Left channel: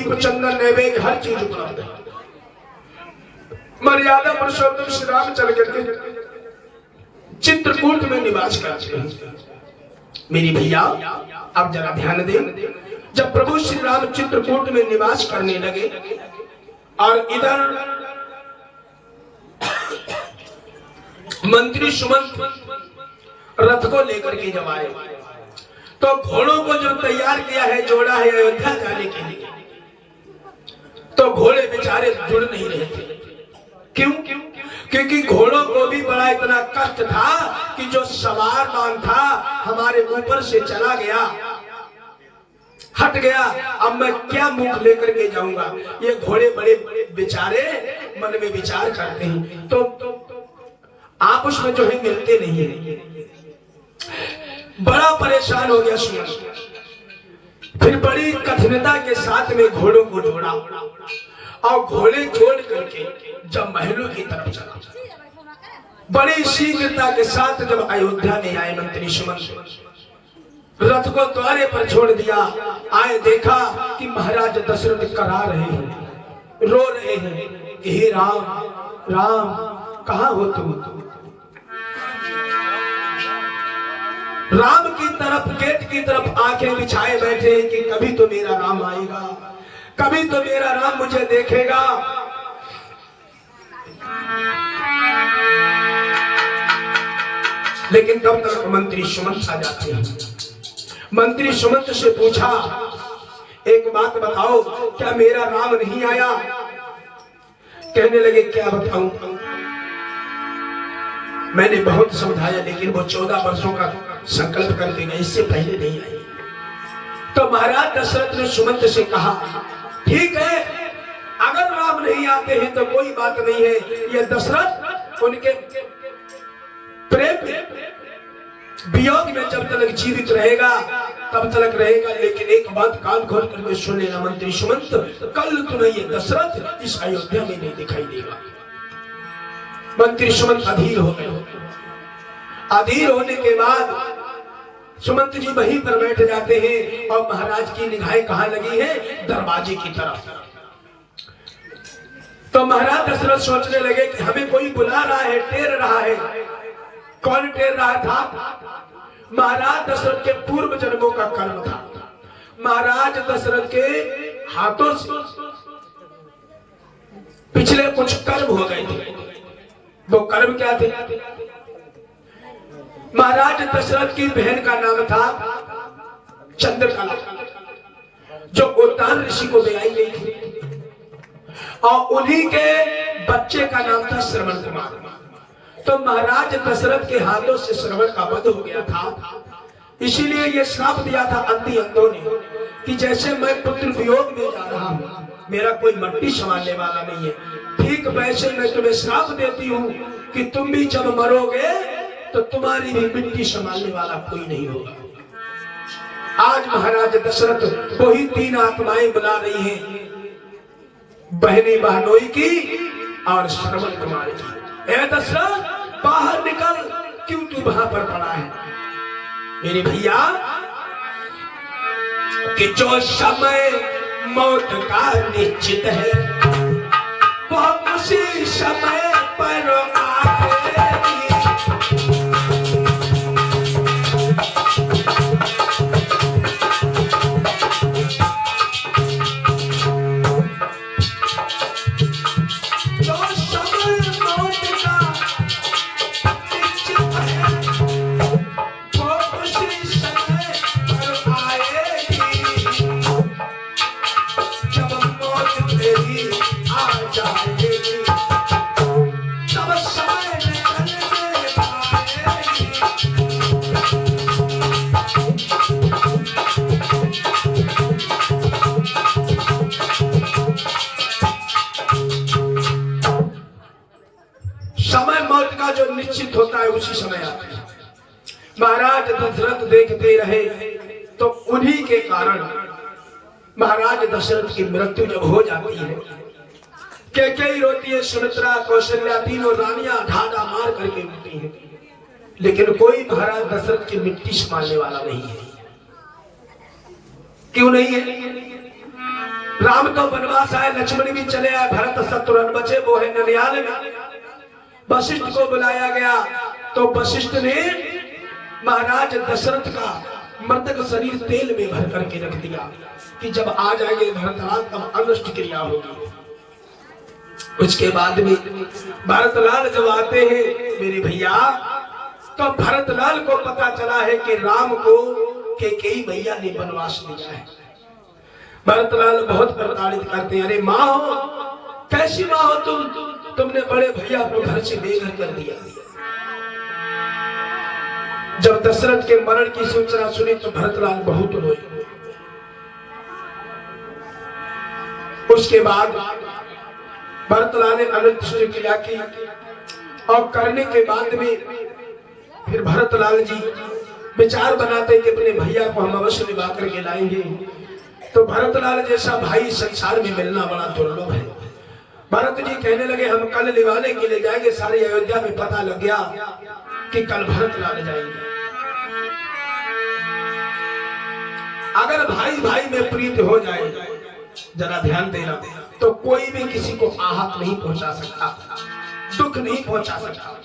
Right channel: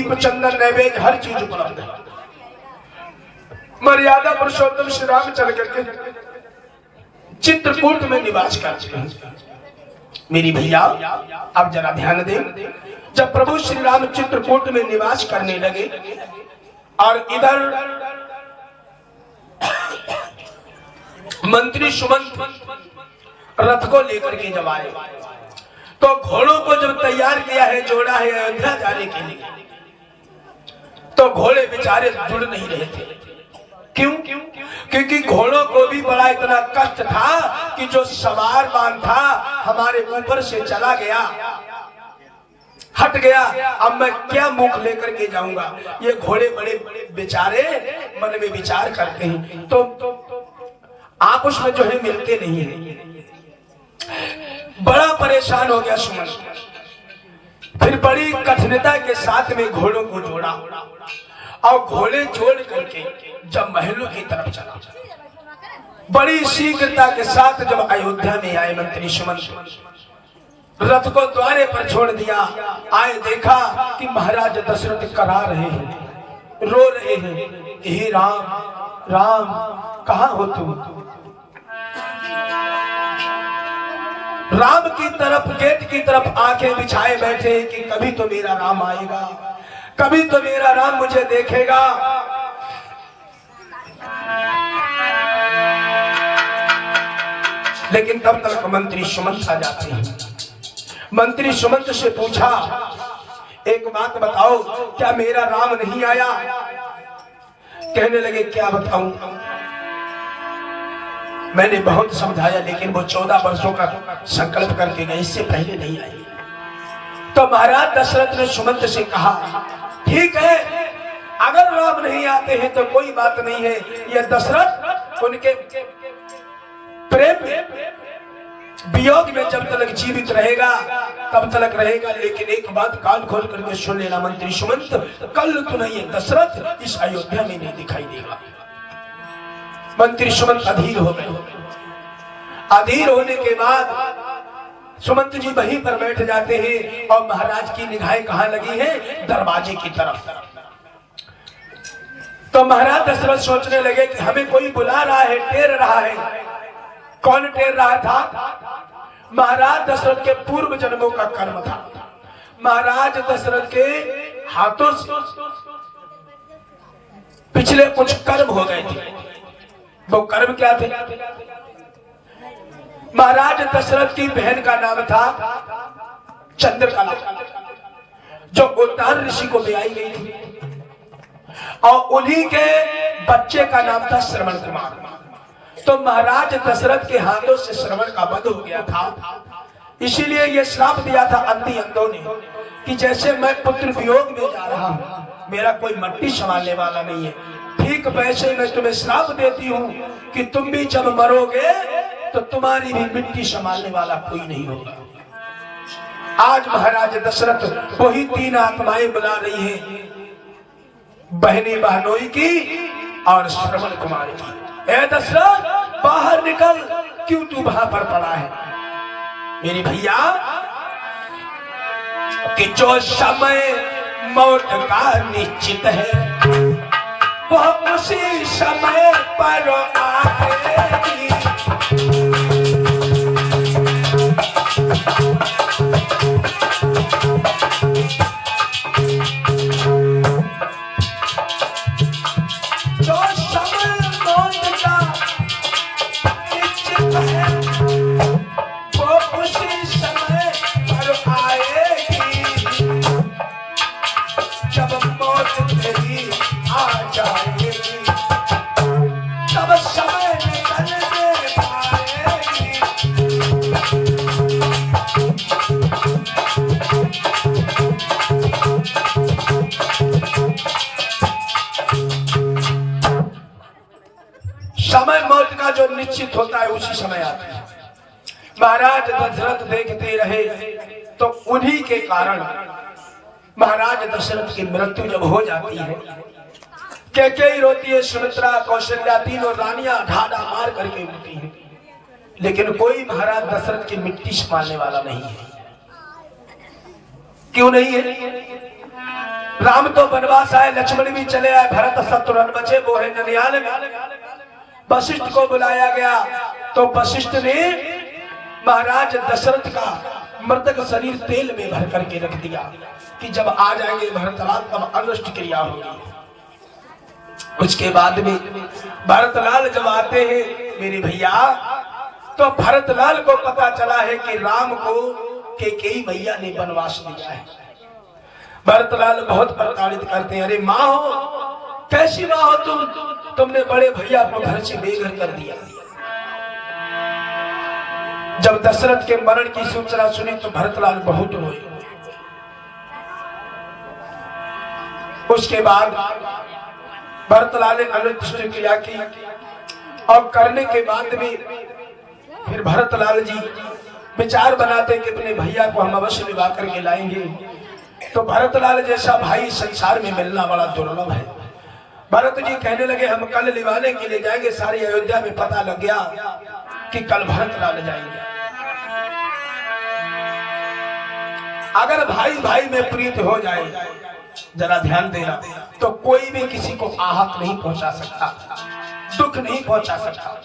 दीप चंदन नैवेद्य हर चीज उपलब्ध है। मर्यादा पुरुषोत्तम श्री राम चल करके चित्रकूट में निवास करते हैं। मेरी भैया अब जरा ध्यान दें, जब प्रभु श्री राम चित्रकूट में निवास करने लगे और इधर मंत्री सुमंत रथ को लेकर के जब आए तो घोड़ों को जो तैयार किया है, जोड़ा है अयोध्या जाने के लिए, तो घोड़े बेचारे जुड़ नहीं रहे थे। क्यों? क्योंकि घोड़ों को भी बड़ा इतना कष्ट था कि जो सवार बांध था हमारे ऊपर से चला गया, हट गया, अब मैं क्या मुख लेकर के जाऊंगा। ये घोड़े बड़े बेचारे मन में विचार करते हैं, तो आपस में जो है मिलते नहीं है। बड़ा परेशान हो गया सुमन, फिर बड़ी कठिनता के साथ में घोड़ों को जोड़ा और घोड़े जोड़ करके जब महलों की तरफ चला, बड़ी शीघ्रता के साथ जब अयोध्या में आए मंत्री सुमन, रथ को द्वारे पर छोड़ दिया। आए देखा कि महाराज दशरथ करा रहे हैं, रो रहे हैं, हे राम राम कहाँ हो तुम। राम की तरफ, गेट की तरफ आंखें बिछाए बैठे कि कभी तो मेरा राम आएगा, कभी तो मेरा राम मुझे देखेगा। लेकिन तब तक मंत्री सुमंत आ जाते हैं। मंत्री सुमंत से पूछा, एक बात बताओ, क्या मेरा राम नहीं आया? कहने लगे, क्या बताऊं, मैंने बहुत समझाया लेकिन वो 14 वर्षों का संकल्प करके गए, इससे पहले नहीं आए। तो महाराज दशरथ ने सुमंत से कहा, ठीक है, अगर राम नहीं आते हैं तो कोई बात नहीं है, ये दशरथ उनके प्रेम वियोग में जब तक जीवित रहेगा तब तक रहेगा। लेकिन एक बात कान खोल करके सुन लेना मंत्री सुमंत, कल तो नहीं, दशरथ इस अयोध्या में नहीं दिखाई देगा। मंत्री सुमंत अधीर हो गए। अधीर होने के बाद सुमंत जी वहीं पर बैठ जाते हैं और महाराज की निगाहें कहां लगी है? दरवाजे की तरफ। तो महाराज दशरथ सोचने लगे कि हमें कोई बुला रहा है, टेर रहा है। कौन टेर रहा था? महाराज दशरथ के पूर्व जन्मों का कर्म था। महाराज दशरथ के हाथों से पिछले कुछ कर्म हो गए थे। वो कर्म क्या थे? महाराज दशरथ की बहन का नाम था चंद्रकला, जो उद्दान ऋषि को ब्याई गई थी, और उन्हीं के बच्चे का नाम था श्रवण कुमार। तो महाराज दशरथ के हाथों से श्रवण का वध हो गया था। इसीलिए ये श्राप दिया था अंधी अंधों ने कि जैसे मैं पुत्र वियोग में जा रहा हूँ, मेरा कोई मट्टी संभालने वाला नहीं है, ठीक वैसे मैं तुम्हें श्राप देती हूँ कि तुम भी जब मरोगे तो तुम्हारी भी मिट्टी संभालने वाला कोई नहीं होगा। आज महाराज दशरथ वही 3 आत्माएं बुला रही हैं, बहनी बहनोई की और श्रवण कुमार की। ए दशरथ, बाहर निकल, क्यों तू वहां पर पड़ा है? मेरे भैया, कि जो समय मौत का निश्चित है वह उसी समय पर आएगी। समय मौत का जो निश्चित होता है उसी समय आता है। महाराज दशरथ देखते रहे तो उन्हीं के कारण महाराज दशरथ की मृत्यु जब हो जाती है, कैकेयी रोती है, सुमित्रा, कौशल्या, तीनों रानियां ढाडा मार करके रोती हैं, लेकिन कोई महाराज दशरथ की मिट्टी संभालने वाला नहीं है। क्यों नहीं है? राम तो वनवास आए, लक्ष्मण भी चले आए, भरत शत्रुघ्न बचे वो है ननिहाल में। वशिष्ठ को बुलाया गया तो वशिष्ठ ने महाराज दशरथ का मृतक शरीर तेल में भर करके रख दिया कि जब आ जाएंगे भरतलाल तब अनुष्ट क्रिया होगी। उसके बाद में भरतलाल जब आते हैं मेरे भैया, तो भरतलाल को पता चला है कि राम को कैकेयी भैया ने वनवास दिया है। भरतलाल बहुत प्रताड़ित करते हैं, अरे माँ हो, कैसी माँ हो तुमने बड़े भैया को घर से बेघर कर दिया। जब दशरथ के मरण की सूचना सुनी तो भरतलाल बहुत रोए। उसके बाद भरतलाल ने अनुष्ट क्रिया की और करने के बाद में फिर भरतलाल जी विचार बनाते कि अपने भैया को हम अवश्य निभा करके लाएंगे। तो भरतलाल जैसा भाई संसार में मिलना बड़ा दुर्लभ है। भरत जी कहने लगे हम कल लिवाने के लिए जाएंगे। सारी अयोध्या में पता लग गया कि कल भरतलाल जाएंगे। अगर भाई भाई में प्रीत हो जाए, जरा ध्यान देना, तो कोई भी किसी को आहत नहीं पहुंचा सकता, दुख नहीं पहुंचा सकता।